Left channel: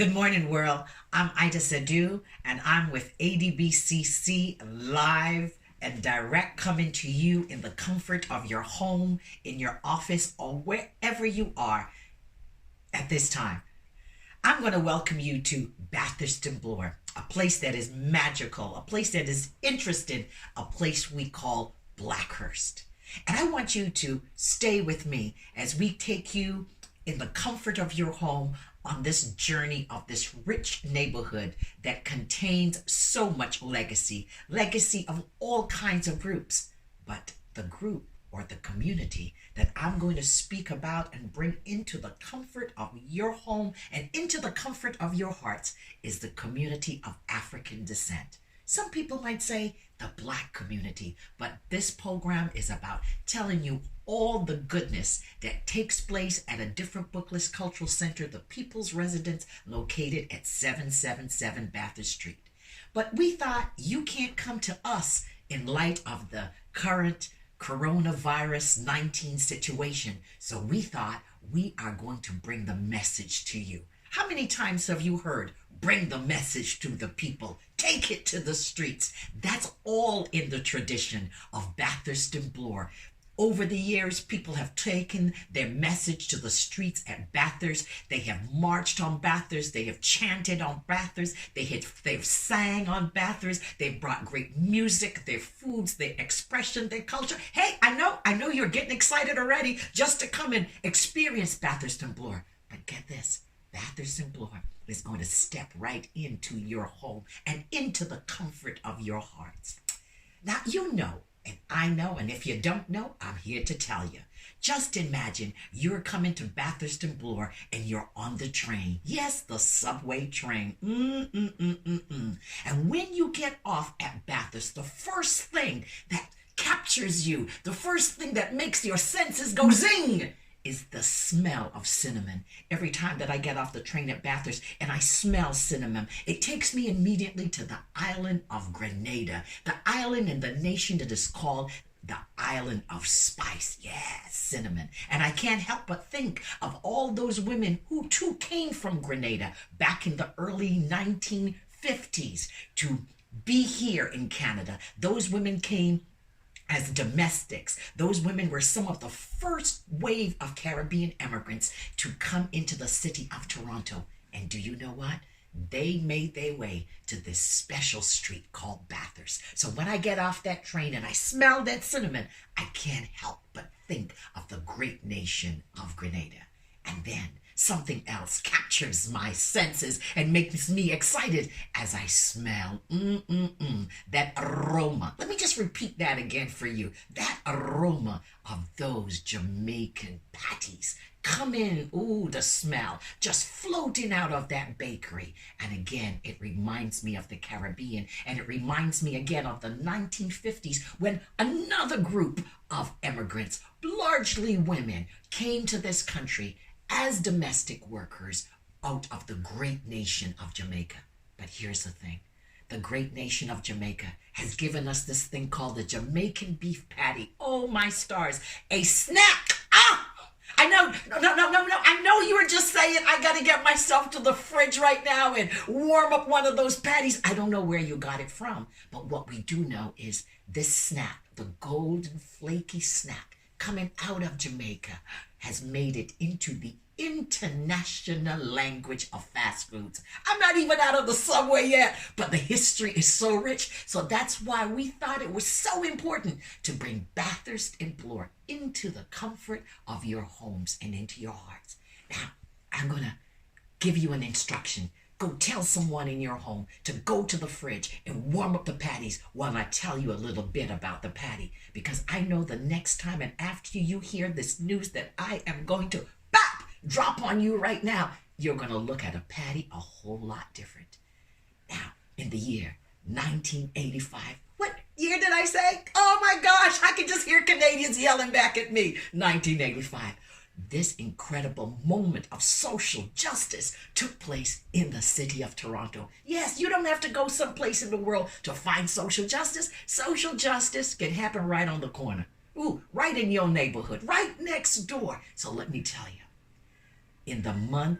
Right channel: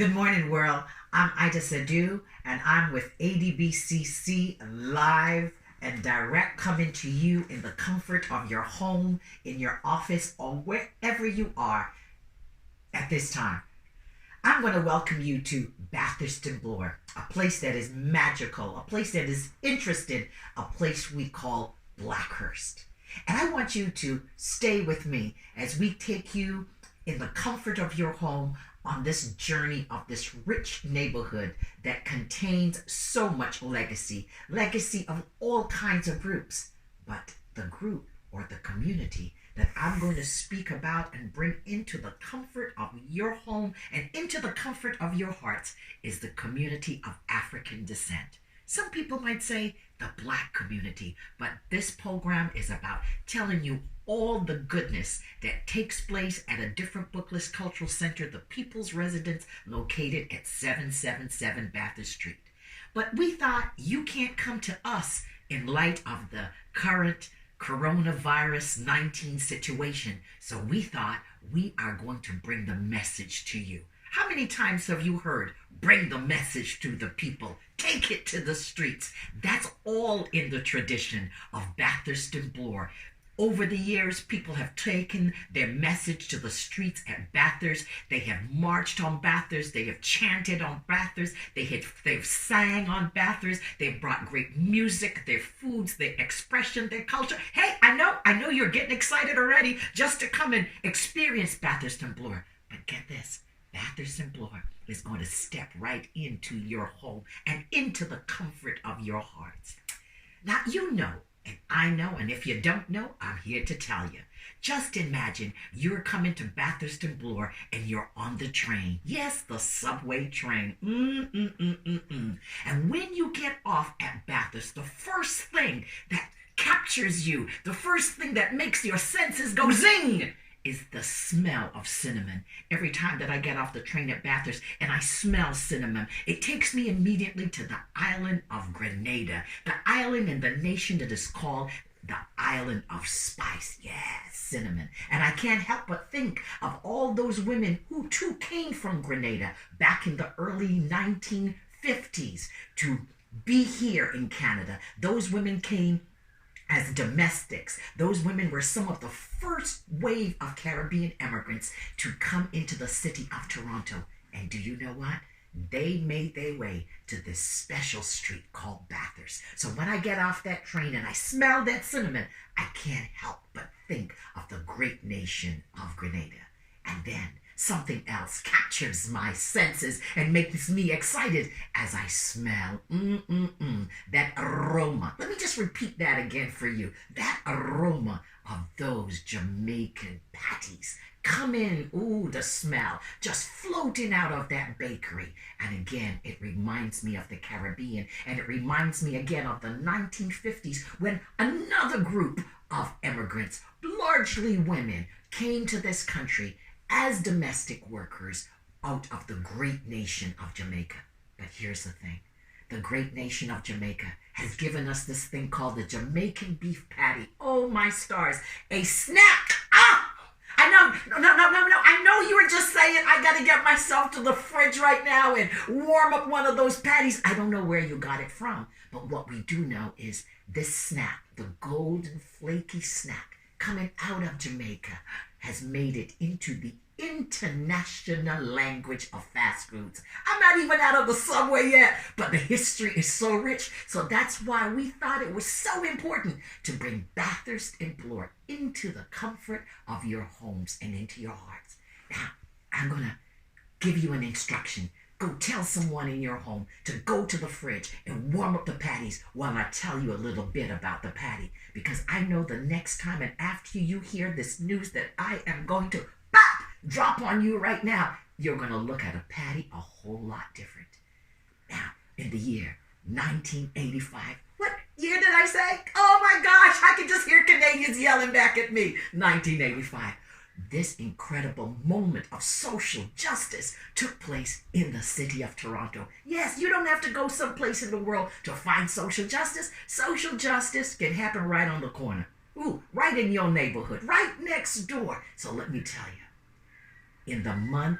Good morning, world. I'm Itah Sadu, and I'm with ADBCC live and direct, coming to you in the comfort of your home, in your office, or wherever you are at this time. I'm going to welcome you to Bathurst and Bloor, a place that is magical, a place that is interesting, a place we call Blackhurst. And I want you to stay with me as we take you in the comfort of your home on this journey of this rich neighborhood that contains so much legacy of all kinds of groups. But the group or the community that I'm going to speak about and bring into the comfort of your home and into the comfort of your hearts is the community of African descent. Some people might say the Black community, but this program is about telling you all the goodness that takes place at a different Booklist Cultural Center, the People's Residence, located at 777 Bathurst Street. But we thought you can't come to us in light of the current coronavirus 19 situation. So we thought we are going to bring the message to you. How many times have you heard, bring the message to the people, take it to the streets? That's all in the tradition of Bathurst and Bloor. Over the years, people have taken their message to the streets at Bathurst. They have marched on Bathurst. They have chanted on Bathurst. They've sang on Bathurst. They've brought great music, their foods, their expression, their culture. Hey, I know you're getting excited already just to come and experience Bathurst and Bloor. But get this, Bathurst and Bloor is going to step right into your home and into the comfort of your hearts. Now, you know, and I know, and if you don't know, I'm here to tell you. Just imagine you're coming to Bathurst and Bloor and you're on the train. Yes, the subway train. And when you get off at Bathurst, the first thing that captures you, the first thing that makes your senses go zing, is the smell of cinnamon. Every time that I get off the train at Bathurst and I smell cinnamon, it takes me immediately to the island of Grenada, the island in the nation that is called the island of spice. Yes, cinnamon. And I can't help but think of all those women who too came from Grenada back in the early 1950s to be here in Canada. Those women came as domestics. Those women were some of the first wave of Caribbean immigrants to come into the city of Toronto. And do you know what? They made their way to this special street called Bathurst. So when I get off that train and I smell that cinnamon, I can't help but think of the great nation of Grenada. And then something else captures my senses and makes me excited as I smell that aroma. Let me just repeat that again for you. That aroma of those Jamaican patties. Come in, the smell just floating out of that bakery. And again, it reminds me of the Caribbean, and it reminds me again of the 1950s when another group of immigrants, largely women, came to this country as domestic workers out of the great nation of Jamaica. But here's the thing. The great nation of Jamaica has given us this thing called the Jamaican beef patty. Oh, my stars. A snack. I know. No. I know you were just saying I got to get myself to the fridge right now and warm up one of those patties. I don't know where you got it from. But what we do know is this snack, the golden flaky snack coming out of Jamaica, has made it into the international language of fast foods. I'm not even out of the subway yet, but the history is so rich. So that's why we thought it was so important to bring Bathurst and Bloor into the comfort of your homes and into your hearts. Now, I'm going to give you an instruction. Go tell someone in your home to go to the fridge and warm up the patties while I tell you a little bit about the patty. Because I know the next time and after you hear this news that I am going to drop on you right now, you're going to look at a patty a whole lot different. Now, in the year 1985, what year did I say? Oh my gosh, I can just hear Canadians yelling back at me. 1985. This incredible moment of social justice took place in the city of Toronto. Yes, you don't have to go someplace in the world to find social justice. Social justice can happen right on the corner. Right in your neighborhood, right next door. So let me tell you, in the month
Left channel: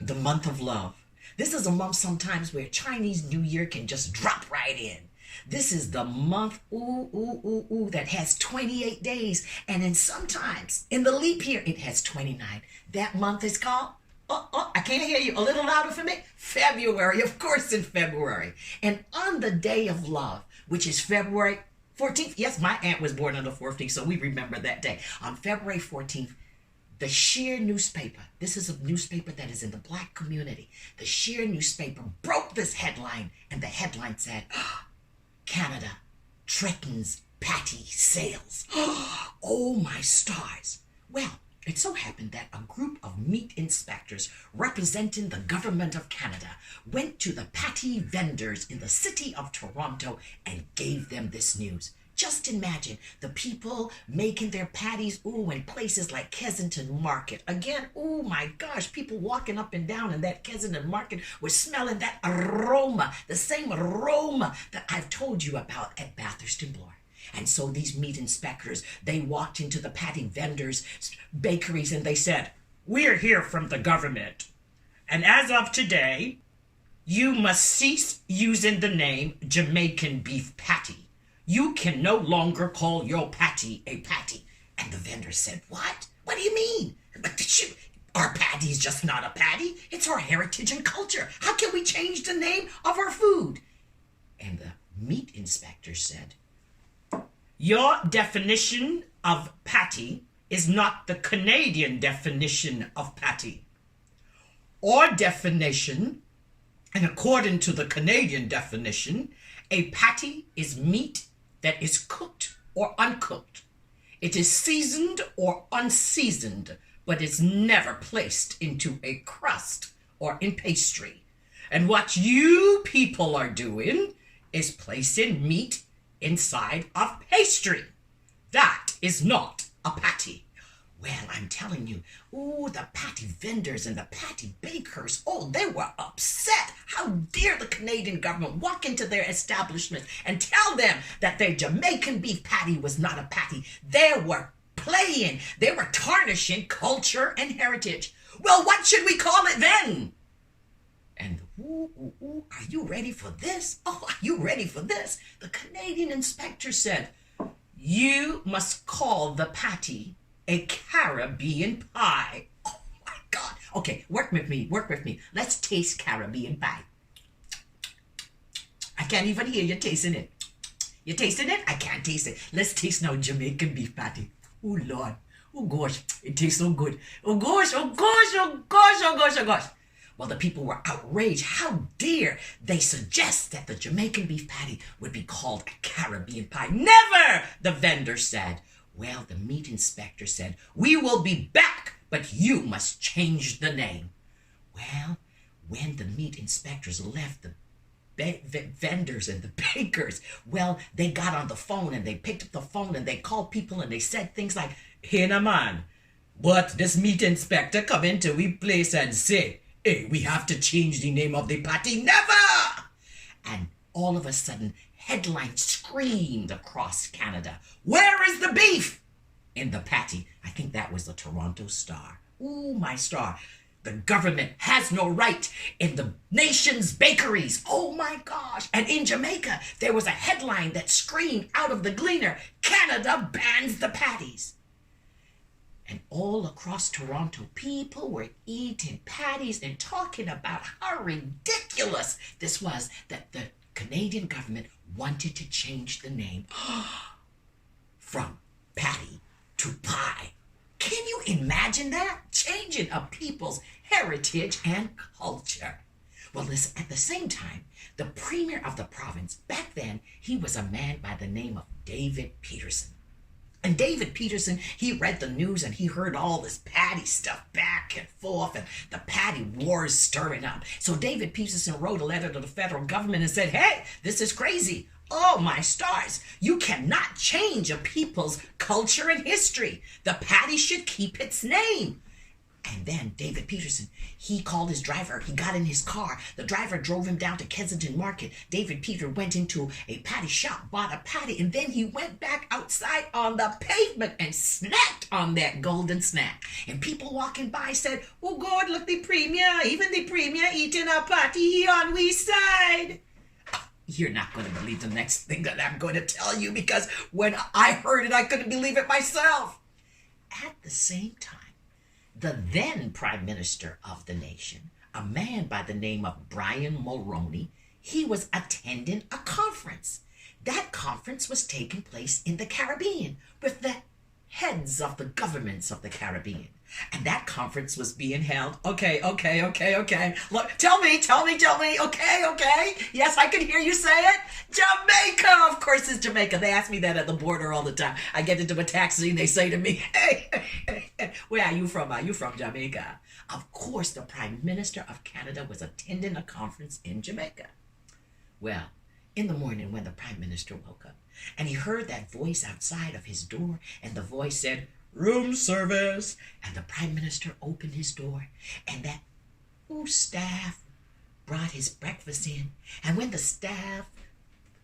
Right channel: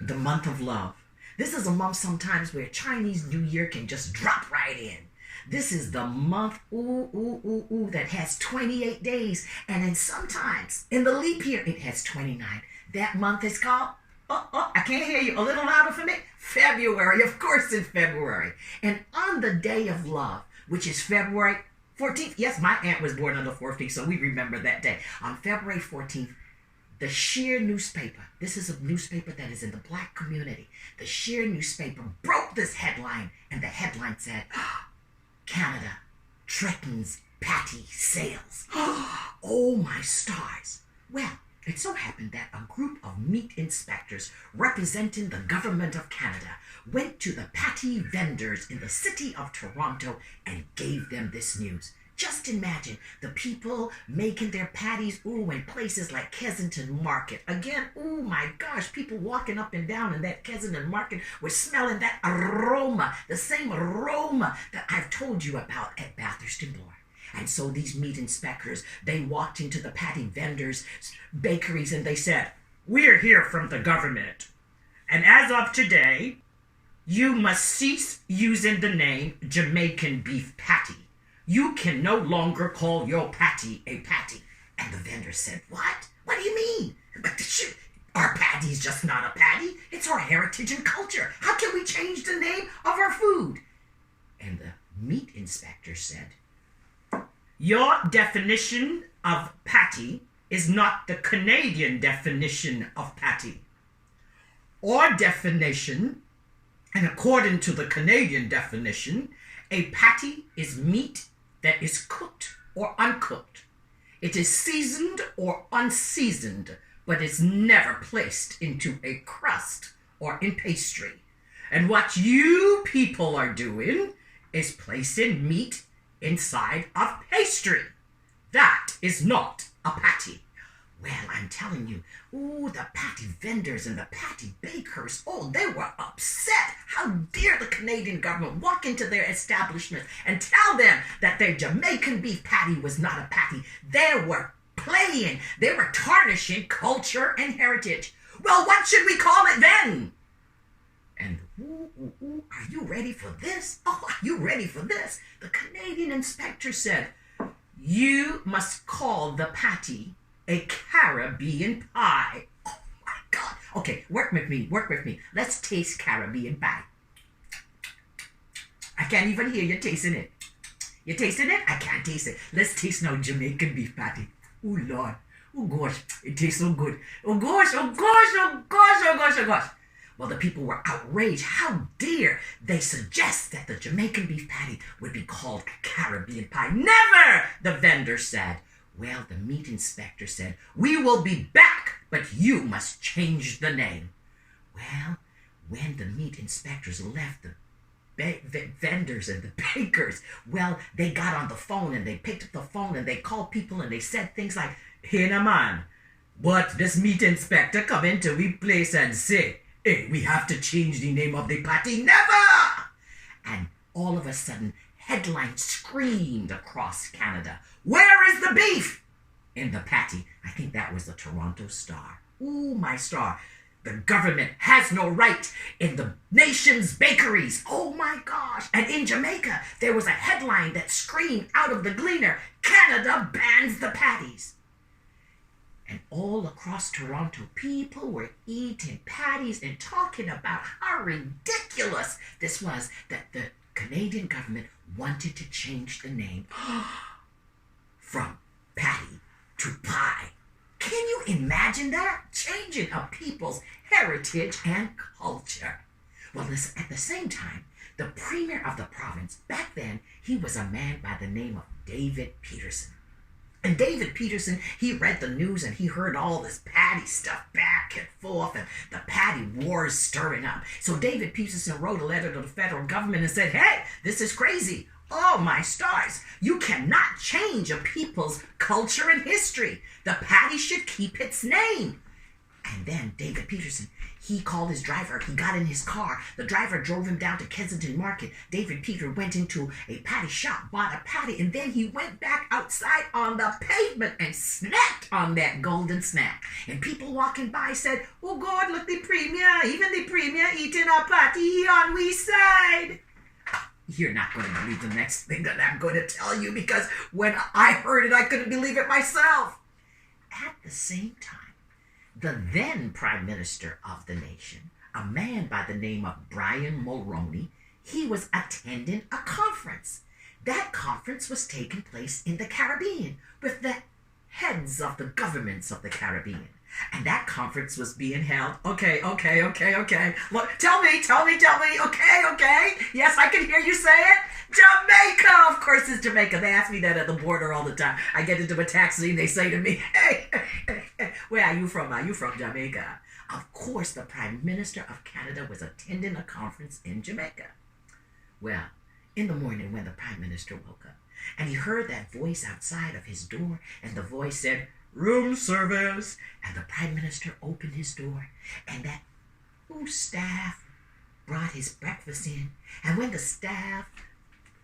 the month of love. This is a month sometimes where Chinese New Year can just drop right in. This is the month, that has 28 days. And then sometimes in the leap year, it has 29. That month is called, I can't hear you, a little louder for me. February, of course, in February. And on the day of love, which is February 14th. Yes, my aunt was born on the 14th, so we remember that day. On February 14th, the Sheer newspaper, this is a newspaper that is in the black community. The Sheer newspaper broke this headline, and the headline said, Canada threatens patty sales. Oh, my stars. Well, it so happened that a group of meat inspectors representing the government of Canada went to the patty vendors in the city of Toronto and gave them this news. Just imagine the people making their patties, in places like Kensington Market. Again, my gosh, people walking up and down in that Kensington Market were smelling that aroma, the same aroma that I've told you about at Bathurst and Bloor. And so these meat inspectors, they walked into the patty vendors' bakeries and they said, "We're here from the government. And as of today, you must cease using the name Jamaican beef patty. You can no longer call your patty a patty." And the vendor said, "What? What do you mean? Our patty's just not a patty. It's our heritage and culture. How can we change the name of our food?" And the meat inspector said, "Your definition of patty is not the Canadian definition of patty. Our definition, and according to the Canadian definition, a patty is meat that is cooked or uncooked. It is seasoned or unseasoned, but is never placed into a crust or in pastry. And what you people are doing is placing meat inside of pastry. That is not a patty." Well, I'm telling you, the patty vendors and the patty bakers, they were upset. How dare the Canadian government walk into their establishment and tell them that their Jamaican beef patty was not a patty. They were playing. They were tarnishing culture and heritage. Well, what should we call it then? And are you ready for this? Are you ready for this? The Canadian inspector said, "You must call the patty a Caribbean pie." Oh my God. Okay, work with me. Let's taste Caribbean pie. I can't even hear you tasting it. You tasting it? I can't taste it. Let's taste now Jamaican beef patty. Oh Lord. Oh gosh, it tastes so good. Oh gosh. Well, the people were outraged. How dare they suggest that the Jamaican beef patty would be called a Caribbean pie? Never, the vendor said. Well, the meat inspector said, "We will be back, but you must change the name." Well, when the meat inspectors left the vendors and the bakers, well, they got on the phone and they picked up the phone and they called people and they said things like, "Hey, na man, but this meat inspector come into we place and say, 'Hey, we have to change the name of the patty.' Never!" And all of a sudden, headlines screamed across Canada, "Where is the beef in the patty?" I think that was the Toronto Star. Ooh, my star. The government has no right in the nation's bakeries. Oh my gosh. And in Jamaica, there was a headline that screamed out of the Gleaner, "Canada bans the patties." And all across Toronto, people were eating patties and talking about how ridiculous this was that the Canadian government wanted to change the name from patty to pie. Can you imagine that? Changing a people's heritage and culture. Well, listen, at the same time, the premier of the province, back then, he was a man by the name of David Peterson. And David Peterson, he read the news and he heard all this patty stuff back and forth and the patty wars stirring up. So David Peterson wrote a letter to the federal government and said, "Hey, this is crazy. Oh, my stars. You cannot change a people's culture and history. The patty should keep its name." And then David Peterson, he called his driver. He got in his car. The driver drove him down to Kensington Market. David Peter went into a patty shop, bought a patty, and then he went back outside on the pavement and snapped on that golden snack. And people walking by said, "Oh God, look the premier, even the premier eating a patty on we side." You're not going to believe the next thing that I'm going to tell you, because when I heard it, I couldn't believe it myself. At the same time, the then Prime Minister of the nation, a man by the name of Brian Mulroney, he was attending a conference. That conference was taking place in the Caribbean with the heads of the governments of the Caribbean. And that conference was being held. Okay. Look, tell me. Okay. Yes, I can hear you say it. Jamaica, of course it's Jamaica. They ask me that at the border all the time. I get into a taxi and they say to me, hey, where are you from? Are you from Jamaica? Of course, the Prime Minister of Canada was attending a conference in Jamaica. Well, in the morning when the Prime Minister woke up and he heard that voice outside of his door, and the voice said, "Room service." And the Prime Minister opened his door, and that staff brought his breakfast in. And when the staff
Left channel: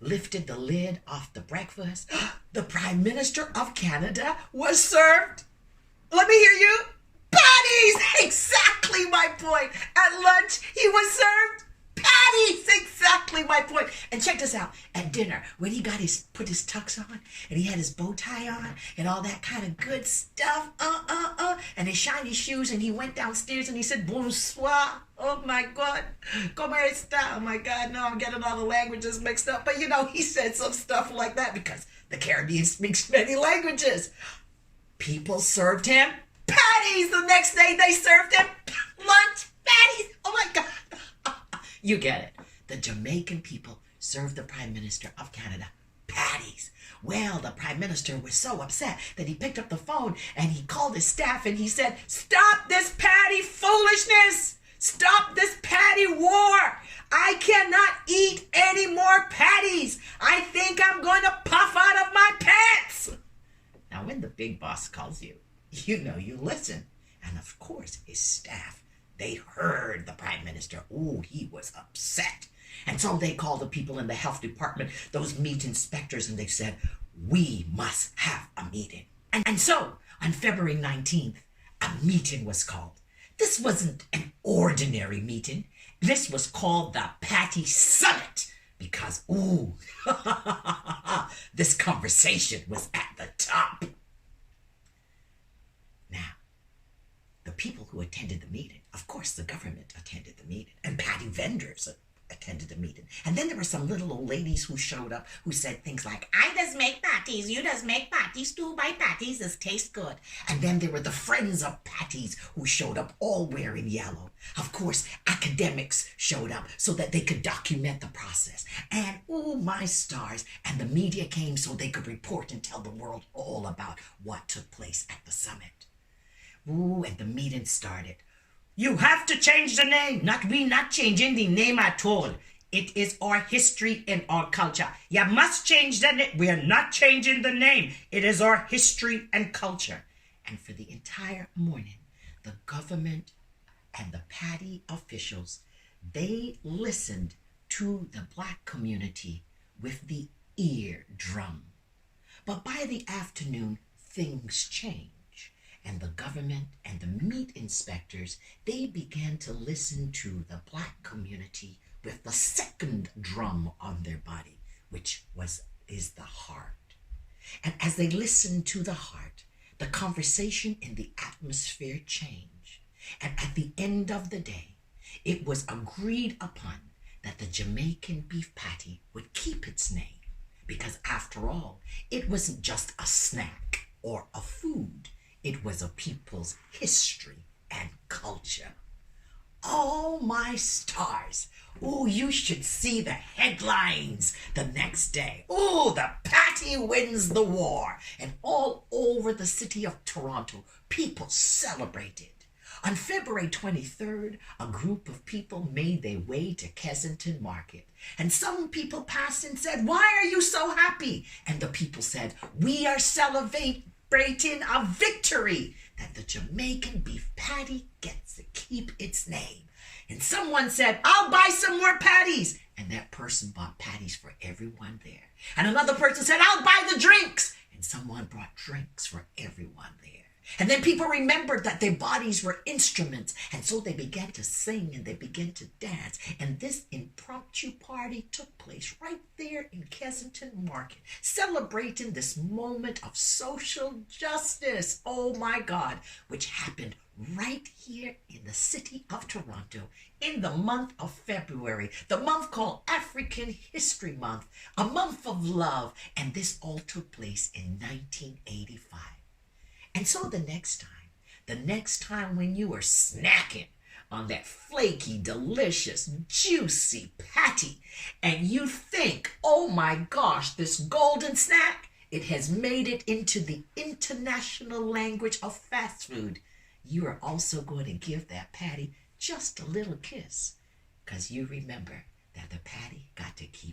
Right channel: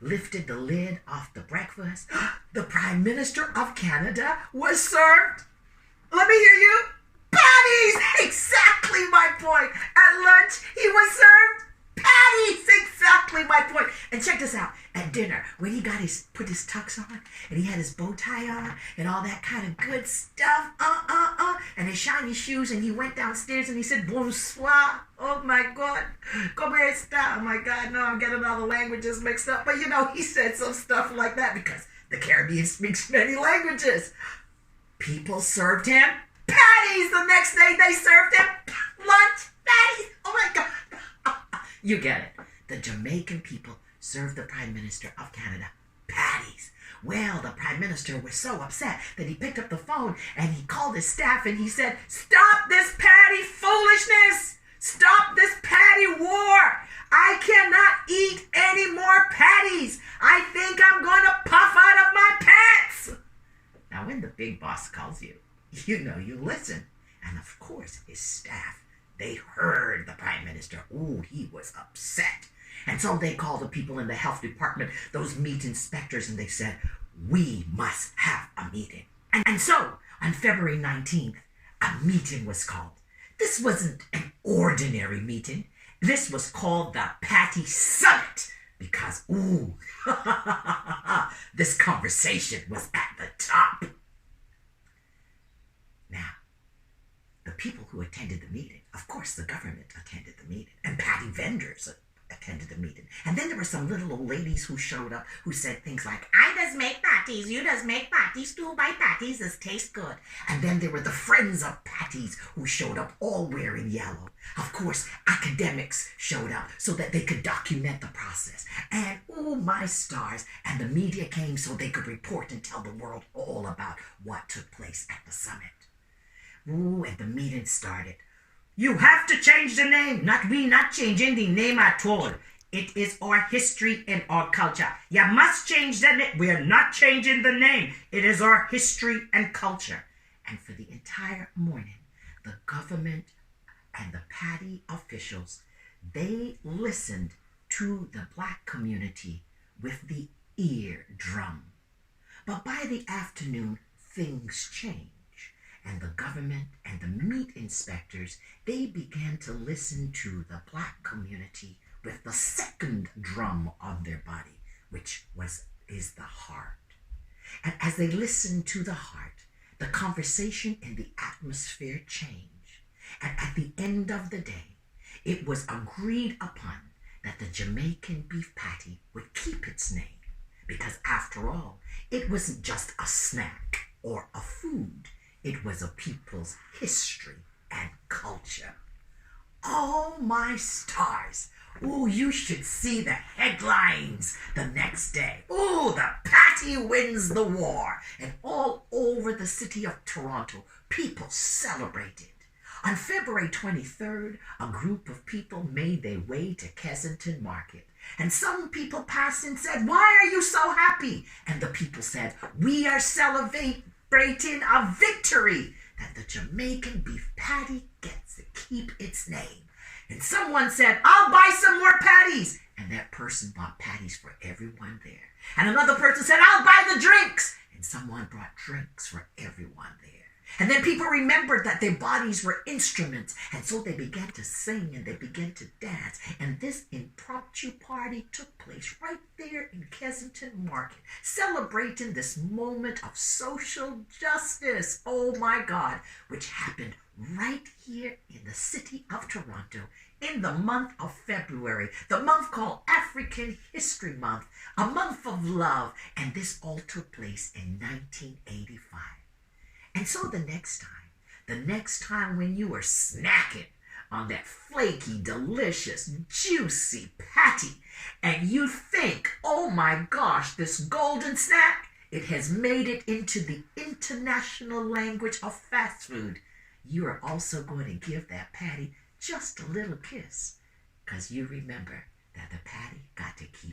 lifted the lid off the breakfast, the Prime Minister of Canada was served. Let me hear you. Patties! Exactly my point. At lunch, he was served patties. Exactly my point. And check this out. At dinner, when he put his tux on, and he had his bow tie on, and all that kind of good stuff, and his shiny shoes, and he went downstairs and he said, "Bonsoir." Oh my God. Como esta? Oh my God, no, I'm getting all the languages mixed up. But he said some stuff like that because the Caribbean speaks many languages. People served him patties. The next day they served him lunch patties. Oh my God. You get it. The Jamaican people served the Prime Minister of Canada patties. Well, the Prime Minister was so upset that he picked up the phone and he called his staff and he said, "Stop this patty foolishness. Stop this patty war. I cannot eat any more patties. I think I'm going to puff out of my pants." Now, when the big boss calls you, you listen. And of course, his staff, they heard the Prime Minister. Ooh, he was upset. And so they called the people in the health department, those meat inspectors, and they said, "We must have a meeting." And so, on February 19th, a meeting was called. This wasn't an ordinary meeting. This was called the Patty Summit because, this conversation was at the top. Now, the people who attended the meeting, of course, the government attended the meeting, and patty vendors attended the meeting. And then there were some little old ladies who showed up who said things like, "I does make patties, you does make patties too, by patties, this tastes good." And then there were the friends of patties who showed up all wearing yellow. Of course, academics showed up so that they could document the process. And my stars, and the media came so they could report and tell the world all about what took place at the summit. And the meeting started. "You have to change the name." We not changing the name at all. It is our history and our culture. You must change the name. We are not changing the name. It is our history and culture. And for the entire morning, the government and the patty officials, they listened to the Black community with the eardrum. But by the afternoon, things changed. And the government and the meat inspectors, they began to listen to the Black community with the second drum on their body, which is the heart. And as they listened to the heart, the conversation in the atmosphere changed. And at the end of the day, it was agreed upon that the Jamaican beef patty would keep its name, because after all, it wasn't just a snack or a food. It was a people's history and culture. Oh, my stars. You should see the headlines the next day. The patty wins the war. And all over the city of Toronto, people celebrated. On February 23rd, a group of people made their way to Kensington Market. And some people passed and said, "Why are you so happy?" And the people said, "We are celebrating a victory that the Jamaican beef patty gets to keep its name. And someone said, I'll buy some more patties. And that person bought patties for everyone there. And another person said, I'll buy the drinks. And someone brought drinks for everyone there. And then people remembered that their bodies were instruments. And so they began to sing and they began to dance. And this impromptu party took place right there in Kensington Market, celebrating this moment of social justice, oh my God, which happened right here in the city of Toronto in the month of February, the month called Afri-Can History Month, a month of love. And this all took place in 1985. And so the next time when you were snacking on that flaky, delicious, juicy patty, and you think, oh my gosh, this golden snack, it has made it into the international language of fast food, you are also going to give that patty just a little kiss, because you remember that the patty got to keep